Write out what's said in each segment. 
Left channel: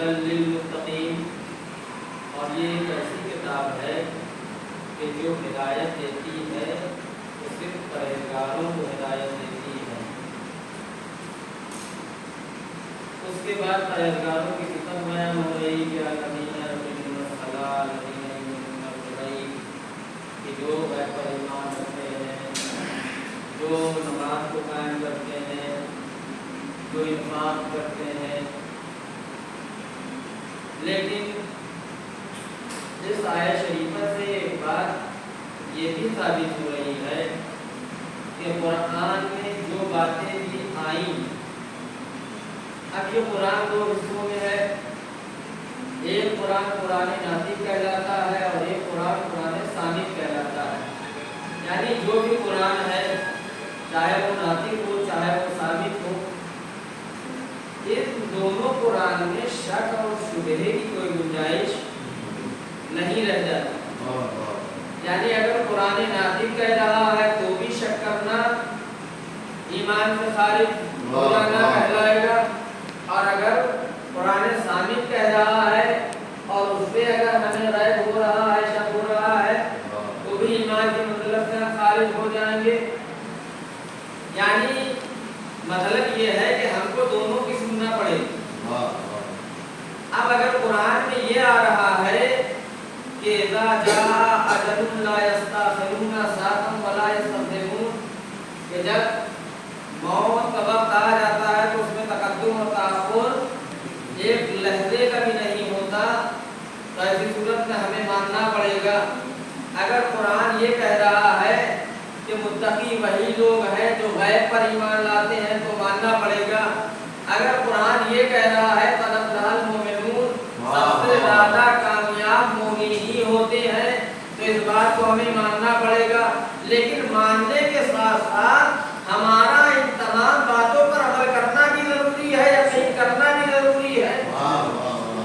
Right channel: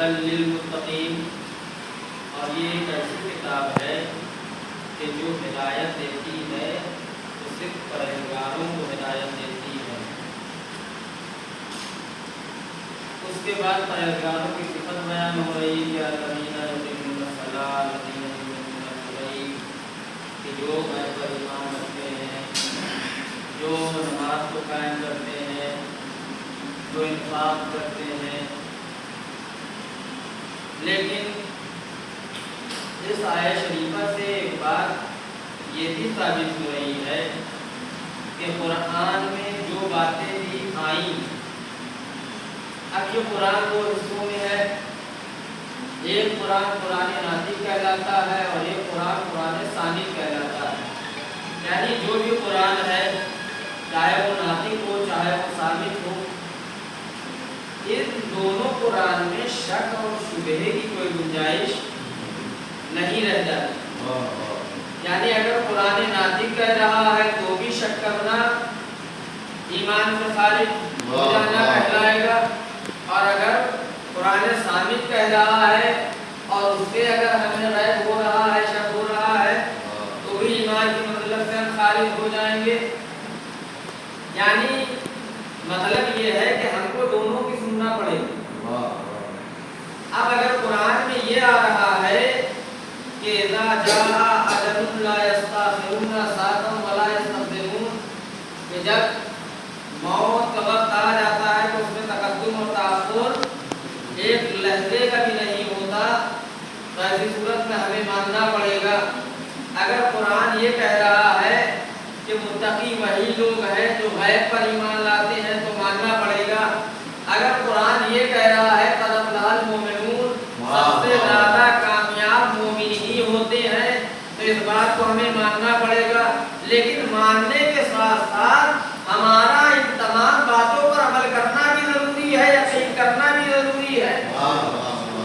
للمتقین، اور یہ ایک ایسی کتاب ہے کہ جو ہدایت دیتی ہے وہ صرف پرہیزگاروں کو ہدایت دیتی ہے۔ اس کے بعد پرہیزگاروں کی صفت بیان ہو رہی ہے الذین یقیمون الصلاۃ الذین یؤمنون بالغیب، کہ جو غیب پر ایمان رکھتے ہیں، جو نماز کو قائم کرتے ہیں، جو انفاق کرتے ہیں۔ لیکن اس آیت شریفہ سے ایک بات یہ بھی ثابت ہو رہی ہے کہ قرآن میں جو باتیں بھی آئیں، اب یہ قرآن دو حصوں میں ہے، ایک قرآن قرآن ناطق کہلاتا ہے اور ایک قرآن قرآن صامت کہلاتا ہے۔ یعنی جو بھی قرآن ہے، چاہے وہ ناطق ہو چاہے وہ صامت ہو، ان دونوں قرآن میں شک اور شبہے کی کوئی گنجائش نہیں رہ جاتی۔ یعنی اگر قرآن ناطق کہہ رہا ہے تو بھی شک کرنا ایمان سے خارج ہو جانا کہلائے گا، اور اگر قرآن صامت کہہ رہا ہے اور اس پہ اگر ہمیں غیب ہو رہا ہے، شک ہو رہا ہے، تو بھی ایمان کے مطلب سے ہم خارج ہو جائیں گے۔ یعنی مطلب یہ ہے کہ ہم کو دونوں کی سننا پڑے گی۔ اب اگر قرآن میں یہ آ رہا ہے کہ اذا جاء اجلهم لا يستأخرون ساعة ولا يستقدمون، کہ جب موت کا وقت آ جاتا ہے تو اس میں تقدم اور تاخر ایک لحظے کا بھی نہیں ہوتا، تو ایسی صورت میں ہمیں ماننا پڑے گا۔ اگر قرآن یہ کہہ رہا ہے کہ متقی وہی لوگ ہیں جو غیب پر ایمان لاتے ہیں تو ماننا پڑے گا۔ اگر قرآن یہ کہہ رہا ہے قد افلح المؤمنون، سب سے زیادہ کامیاب مومن ہی ہوتے ہیں، تو اس بات کو ہمیں ماننا پڑے گا۔ لیکن ماننے کے ساتھ ساتھ ہمارا ان تمام باتوں پر عمل کرنا بھی ضروری ہے، یقین کرنا بھی ضروری ہے۔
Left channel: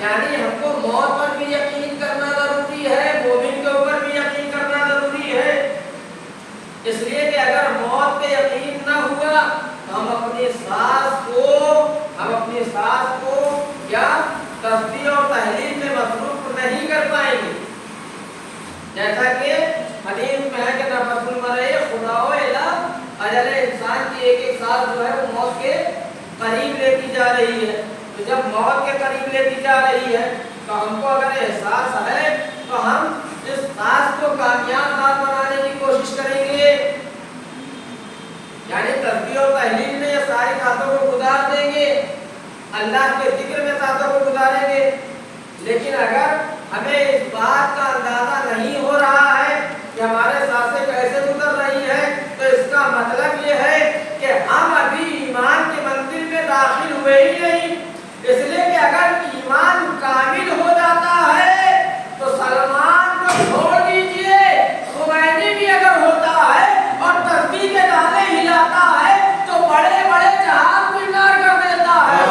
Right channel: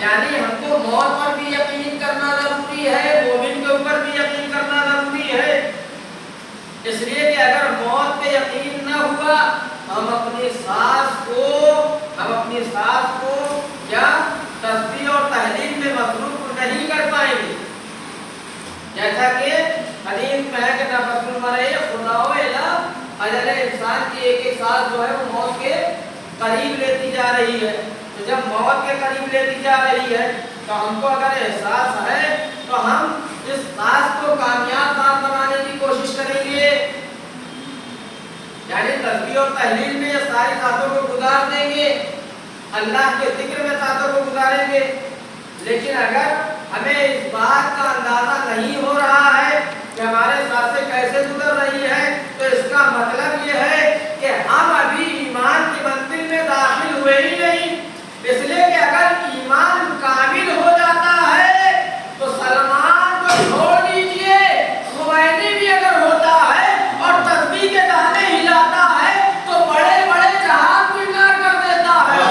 یعنی ہم کو موت پر بھی یقین کرنا ضروری ہے، مومن अपनी सांस को क्या तस्बीह और तहलील में मसरूफ नहीं कर पाएंगे। जैसा कि हदीस में है कि नफसुल मरई खुदाओ इला अजल, इंसान की एक एक सांस जो है वो मौत के करीब लेती जा रही है। तो जब मौत के करीब लेती जा रही है तो हमको अगर एहसास है तो हम इस सांस को कामयाब सांस बनाने की कोशिश करेंगे, यानी तस्बीह और तहलील में ये सारी सांसों को गुजार देंगे, अल्लाह के जिक्र में सांसों को गुजारेंगे। लेकिन अगर हमें इस बात का अंदाजा नहीं हो रहा है कि हमारे सांसें कैसे गुजर रही है, तो इसका मतलब ये है कि हम अभी ईमान की मंजिल में दाखिल हुए ही नहीं। इसलिए कि अगर ईमान कामिल हो जाता है तो सलमान को छोड़ दीजिए, खुमैनी भी अगर होता है और तस्बीह के दाने हिलाता है तो बड़े बड़े जहाज किनार कर देता है।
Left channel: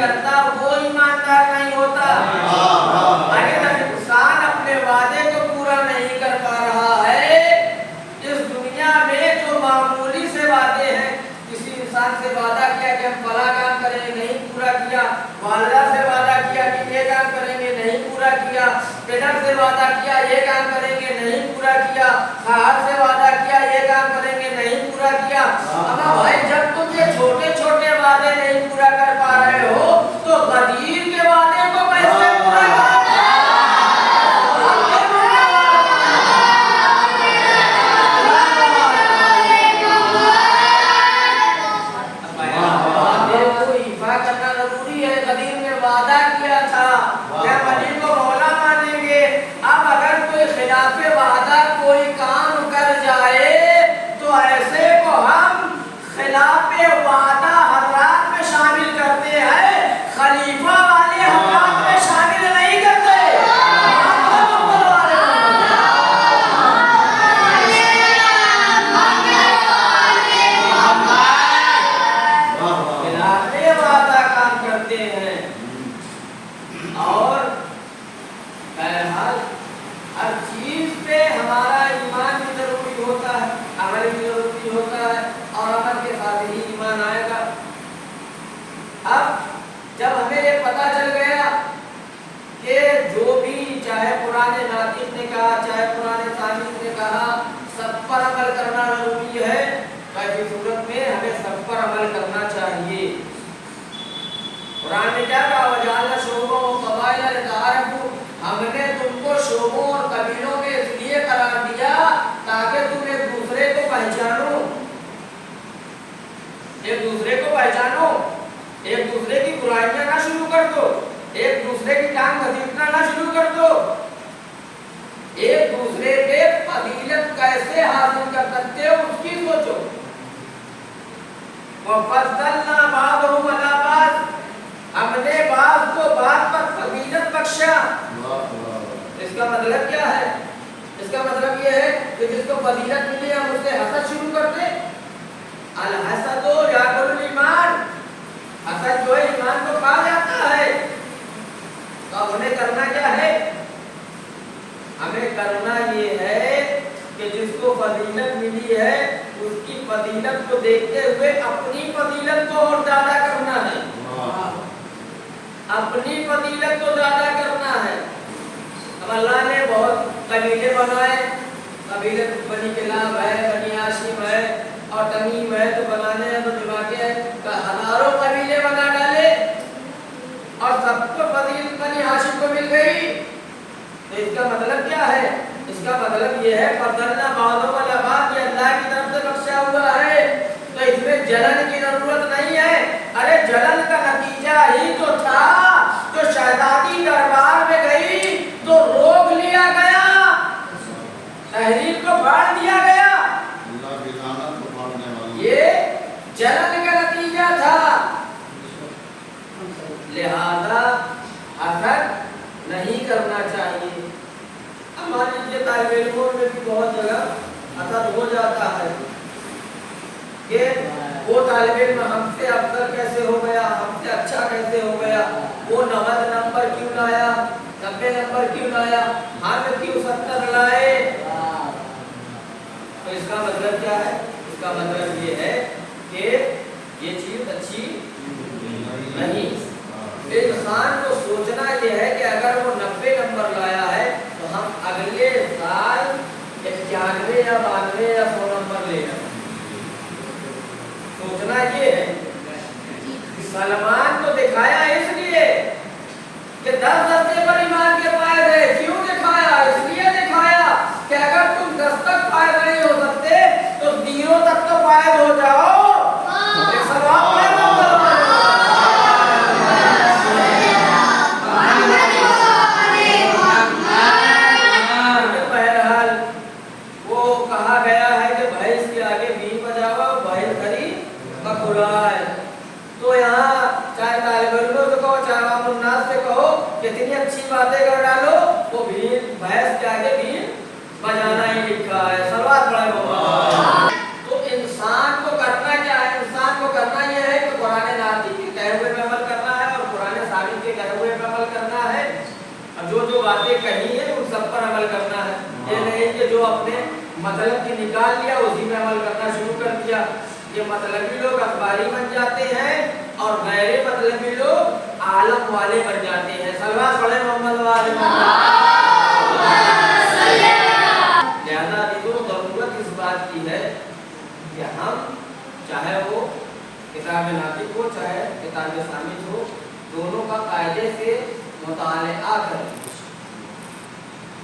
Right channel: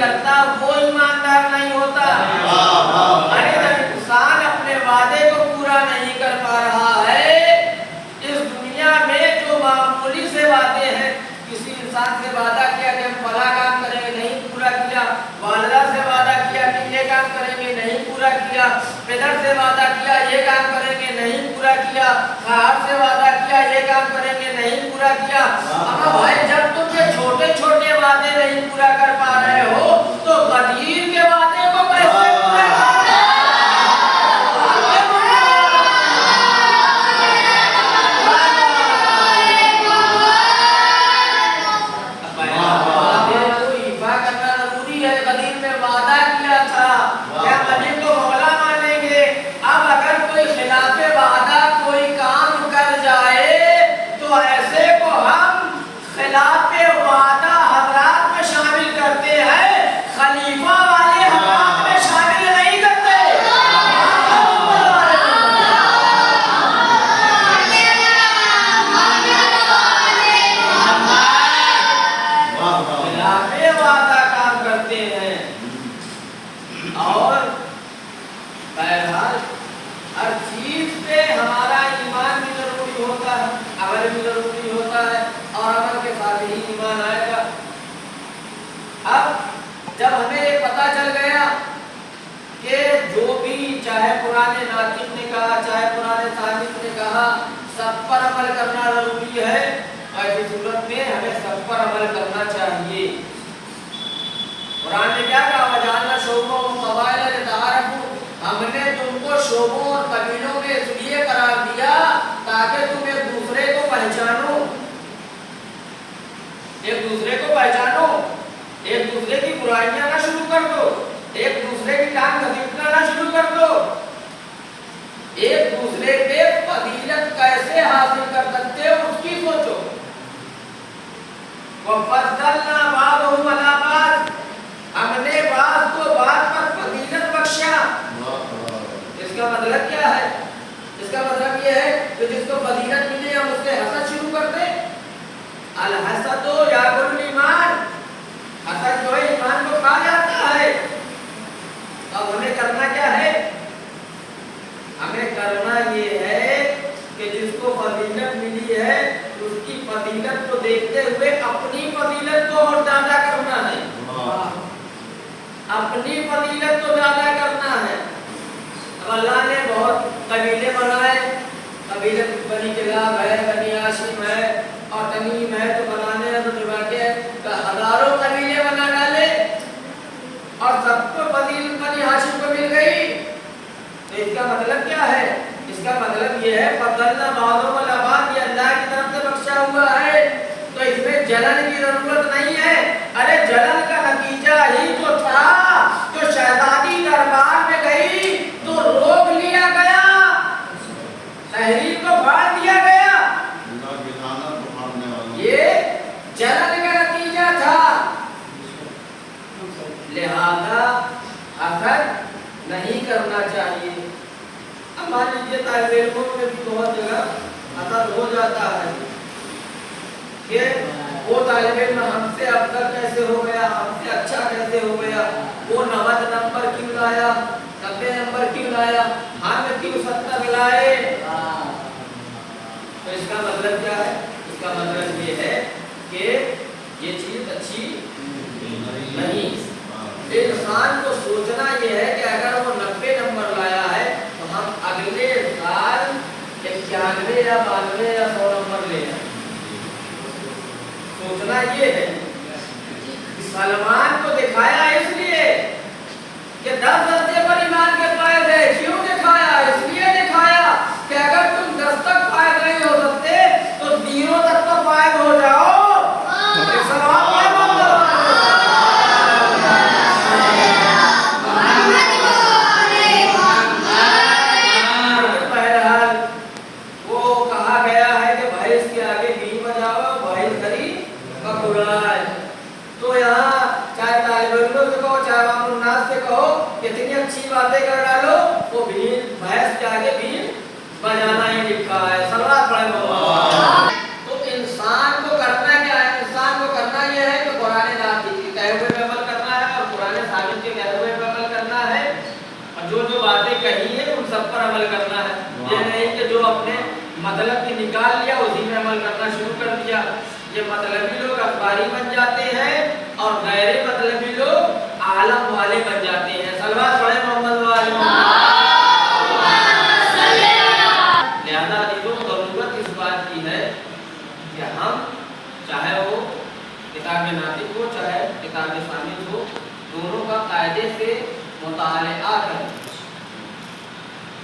करता वो ईमानदार नहीं होता। अरे जब इंसान अपने वादे को पूरा नहीं कर पा रहा है, इस दुनिया में जो मामूली से वादे हैं, किसी इंसान से वादा किया कि हम फला काम करेंगे, नहीं पूरा किया, वालदा से वादा किया कि ये काम करेंगे, नहीं पूरा किया, पिता से वादा किया ये काम करेंगे, नहीं पूरा किया, साहब से वादा किया ये काम करेंगे, नहीं पूरा किया। अब भाई जब तुम ये छोटे छोटे वादे नहीं पूरा कर पा रहे हो तो कदीर के वादे को कैसे पूरा करोगे? वादे को इफा करना जरूरी है। कदीर में वादा किया था क्या कदीर को मौला मानेंगे। अब अगर कोई खिलाफे वादा कोई काम कर जाए तो ऐसे को हम खिलाफे वादा हजरात में शामिल करते हैं, खलीफा वाले हजरात में शामिल नहीं करते। खिलाफे वादा काम करते हैं। और बहरहाल हर चीज पे हमारा ईमान भी जरूरी होता है, अमल भी जरूरी होता है, और अमल के साथ ही ईमान आएगा। अब जब हमें ये पता चल गया कि जो भी चाहे पुराने नातिक ने कहा, चाहे पुराने साजिद ने कहा, सब पर अमल करना जरूरी है, तो ऐसी सूरत में हमें सब पर अमल करना चाहिए। कुरान ने क्या कहा, वजालना शोबों व कबाइल लिताअरफू, हमने तुमको शोबों और कबीलों में इसलिए करार दिया ताकि तुम एक दूसरे को पहचानो, एक दूसरे को पहचानो, एक दूसरे की बुराइयां ना शुरू कर दो, एक दूसरे की टांग घसीटना ना शुरू कर दो, एक दूसरे पे फजीलत कैसे हासिल कर सकते हो उसकी सोचो। वफज़लना बादहुम अला बाद, हमने बात को बात पर फजीलत बख्शा। इसका मतलब क्या है? इसका मतलब ये है कि जिसको फजीलत मिले हम उससे हसद शुरू कर दें। अल हसदो याकुल ईमान, हसद जो ईमान को खा जाता है। तो अब हमें करना क्या है? हमें करना ये है कि जिसको फजीलत मिली है उसकी फजीलत को देखते हुए अपनी फजीलत को और ज्यादा करना है, अपनी फजीलत को ज्यादा करना है। अब अल्लाह ने बहुत कबीले बनाए, कबीले बनी किलाब है, बनी हाशिम है और तमीम है, तो बनाने हैं तो निभाते हैं, तो हजारों कबीले बना डाले और सबको फजीलत बनी हाशिम को मिल गई। तो इसका मतलब क्या है? इसका मतलब ये है फज़लना बादहुम अला बाद, जलन की जरूरत नहीं है। अरे जलन का नतीजा ही तो था, जो शहजादी दरबार में गई तो रोक लिया गया, तहरीर को फाड़ दिया गया। ये जलन का नतीजा था। लिहाजा हसद नहीं करना चाहिए। अब मान लीजिए तालिब इल्मों में भी बहुत जगह हसद हो जाता है कि वो तालिब इल्म हमसे अफजल कैसे हो गया, हमसे अच्छा कैसे हो गया, वो 90 नंबर क्यों लाया, 90 नंबर क्यों लाया, हम क्यों 70 लाए। तो इसका मतलब क्या है? इसका मतलब ये है कि ये चीज अच्छी नहीं। इंसान को सोचना ये है कि अगर वो 90 नंबर लाया है तो हम अगले साल 91 या 92 या 100 नंबर लेना। सोचना ये है। सलमान को दिखाया इसलिए कि 10 दस्ते पर ईमान के फायद है। क्यों दिखाया? इसलिए दिखाया कि अगर तुम 10 तक फायद नहीं हो सकते तो 0 तक तो फायद हो जाओ। बहरहाल वो कहा गया है कि भैंस के आगे बीन बजाओ, भैंस खरी बकुराए। तो यहाँ चाहे तालिब इल्मों से कहो, चाहे आवामुन्नास से कहो, कितनी अच्छी बातें कर डालो, वो बीन भैंस के आगे बीन बजाना ही लिखा है। सलवात पढ़े मोहम्मद। तो इंसान को करना क्या है? इंसान को करना यह है कि कुरान नाती के कहे हुए पे अमल करना है और कुरान साबित के कहे हुए पे अमल करना है। और जो बातें कही है उन सब पर अमल करना है। ये नहीं कि जो अपने मतलब की निकाल लिया उसी में अमल करना शुरू कर दिया। ये मतलबी लोग अखबारी बन जाते हैं और गैर मतलबी लोग आलम वाले बन जाते हैं। सलवात पढ़े मोहम्मद वाले। लिहाजा देखो जरूरत इस बात की है कि हम चाहे वो किताब नातिक हो चाहे किताब सामित हो, दोनों का कायदे से मुताला करें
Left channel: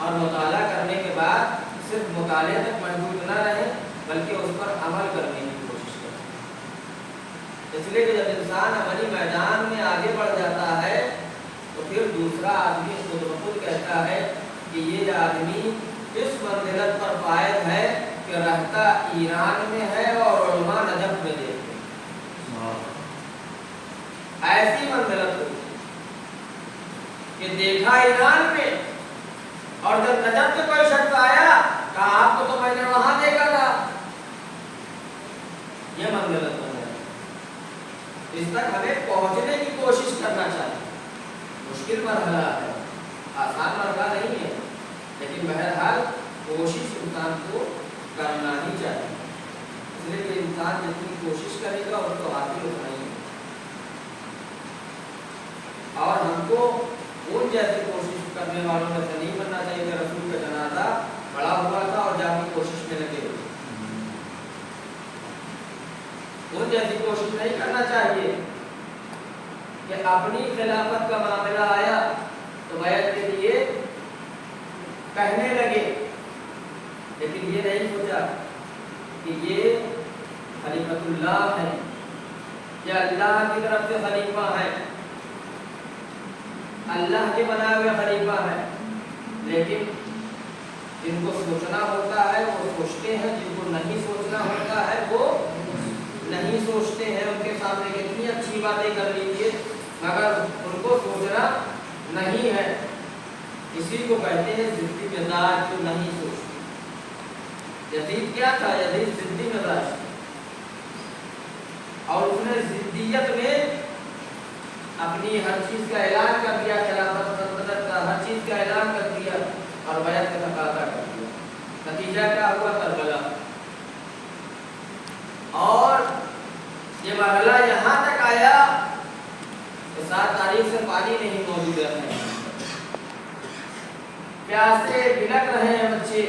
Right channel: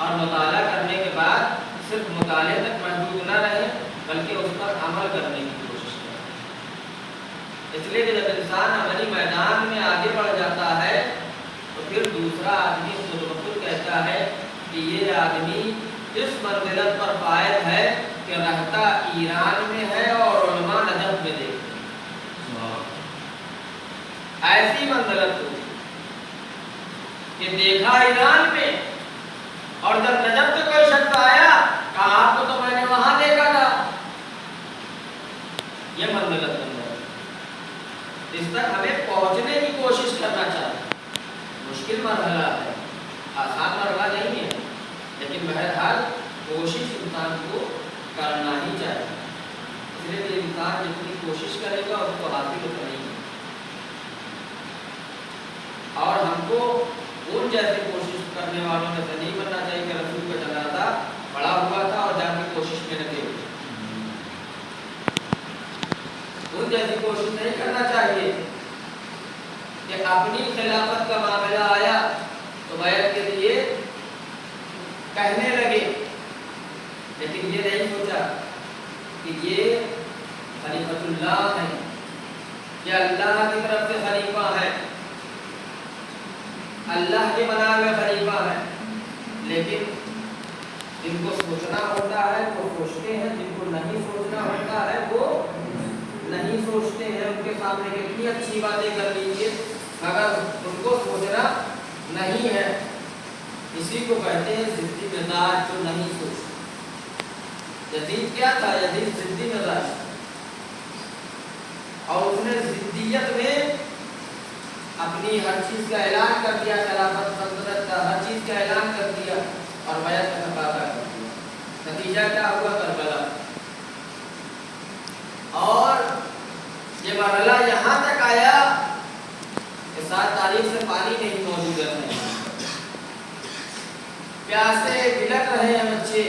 और मुताला करने के बाद सिर्फ मुताले तक महदूद न रहे बल्कि उस पर अमल करने की कोशिश करें। इसलिए कि जब इंसान अमली मैदान में आगे बढ़ जाता है तो फिर दूसरा आदमी खुद ब खुद कहता है कि ये आदमी इस मंजिलत पर फायद है कि रहता ईरान में है और उलमा नजफ में देखते हैं। ऐसी मंजिलत हो कि देखा ईरान में और जब नजफ में कोई शख्स आया कहा आपको तो मैंने वहां देखा था। यह मंजिलत बन जाती। इस तक हमें पहुंचने की कोशिश करना चाहिए। मुश्किल मरहला है, आसान मरहला नहीं है, लेकिन बहरहाल कोशिश इंसान को करना ही चाहिए। इसलिए इंसान जितनी कोशिश करेगा उसको हासिल होना ही है। और हमको उन जैसी कोशिश करने वालों में से नहीं बनना चाहिए कि रसूल का जनाजा बड़ा हुआ था और जाके कोशिश में लगे। उन जैसी कोशिश नहीं करना चाहिए कि अपनी खिलाफत का मामला आया तो बैत के लिए कहने लगे, लेकिन ये नहीं सोचा कि ये खलीफतुल्लाह है, ये अल्लाह की तरफ से खलीफा है, अल्लाह के बनाए हुए खलीफा है। लेकिन जिनको सोचना होता है वो सोचते हैं, जिनको नहीं सोचना होता है वो नहीं सोचते हैं। उनके सामने कितनी अच्छी बातें कर लीजिए मगर उनको सोचना नहीं है। इसी को कहते हैं जिद्दी मिजाज जो नहीं सोचते। यजीद क्या था? यजीद जिद्दी मिजाज और उसने जिद्दियत में अपनी हर चीज का ऐलान कर दिया, खिलाफत सल्तनत का हर चीज का ऐलान कर दिया और बैत का तकाजा कर दिया। नतीजा क्या हुआ? करबला। और ये मरहला यहाँ तक आया कि 7 तारीख से पानी नहीं मौजूद है। प्यासे बिलक रहे हैं बच्चे,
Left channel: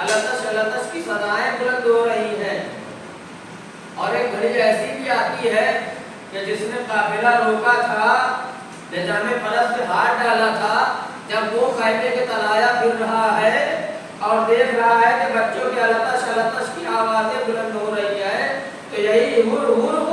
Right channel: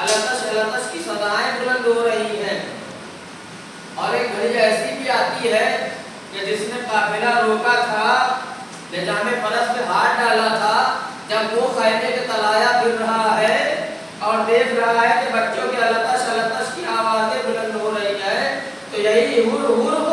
अलतश की सदाएं बुलंद हो रही हैं। और एक घड़ी ऐसी भी आती है कि जिसने काफिला रोका था, निजामे फरस पे हाथ डाला था, जब वो खैमे के तलाया फिर रहा है और देख रहा है कि बच्चों की अलतश की आवाजें बुलंद हो रही है, तो यही huruf